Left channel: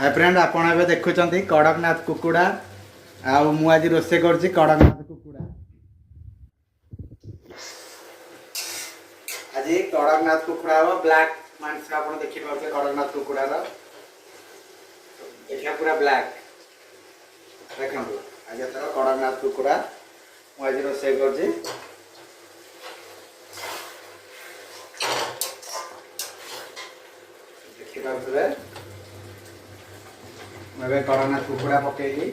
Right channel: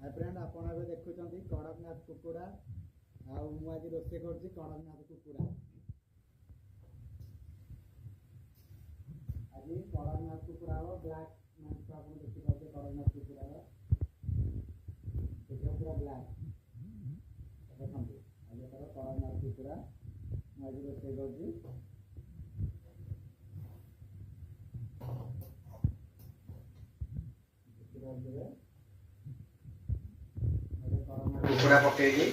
Hi friend आपण एबे देखुचंती कड़कनाथ कुकुड़ा आउ मु आज रोसे करछि कड़कनाथ कुकुड़ा। आज कड़कनाथ कुकुड़ा हो ब्लैक मांस आपण देखि पाउछे कड़कनाथ कुकुड़ा रो एठा पूरा ब्लैक देखंतु। आज एथरा कड़कनाथ कुकुड़ा मु आज रोसे करछि। देखि पाउछे मैं कड़कनाथ कुकुड़ा पकईकी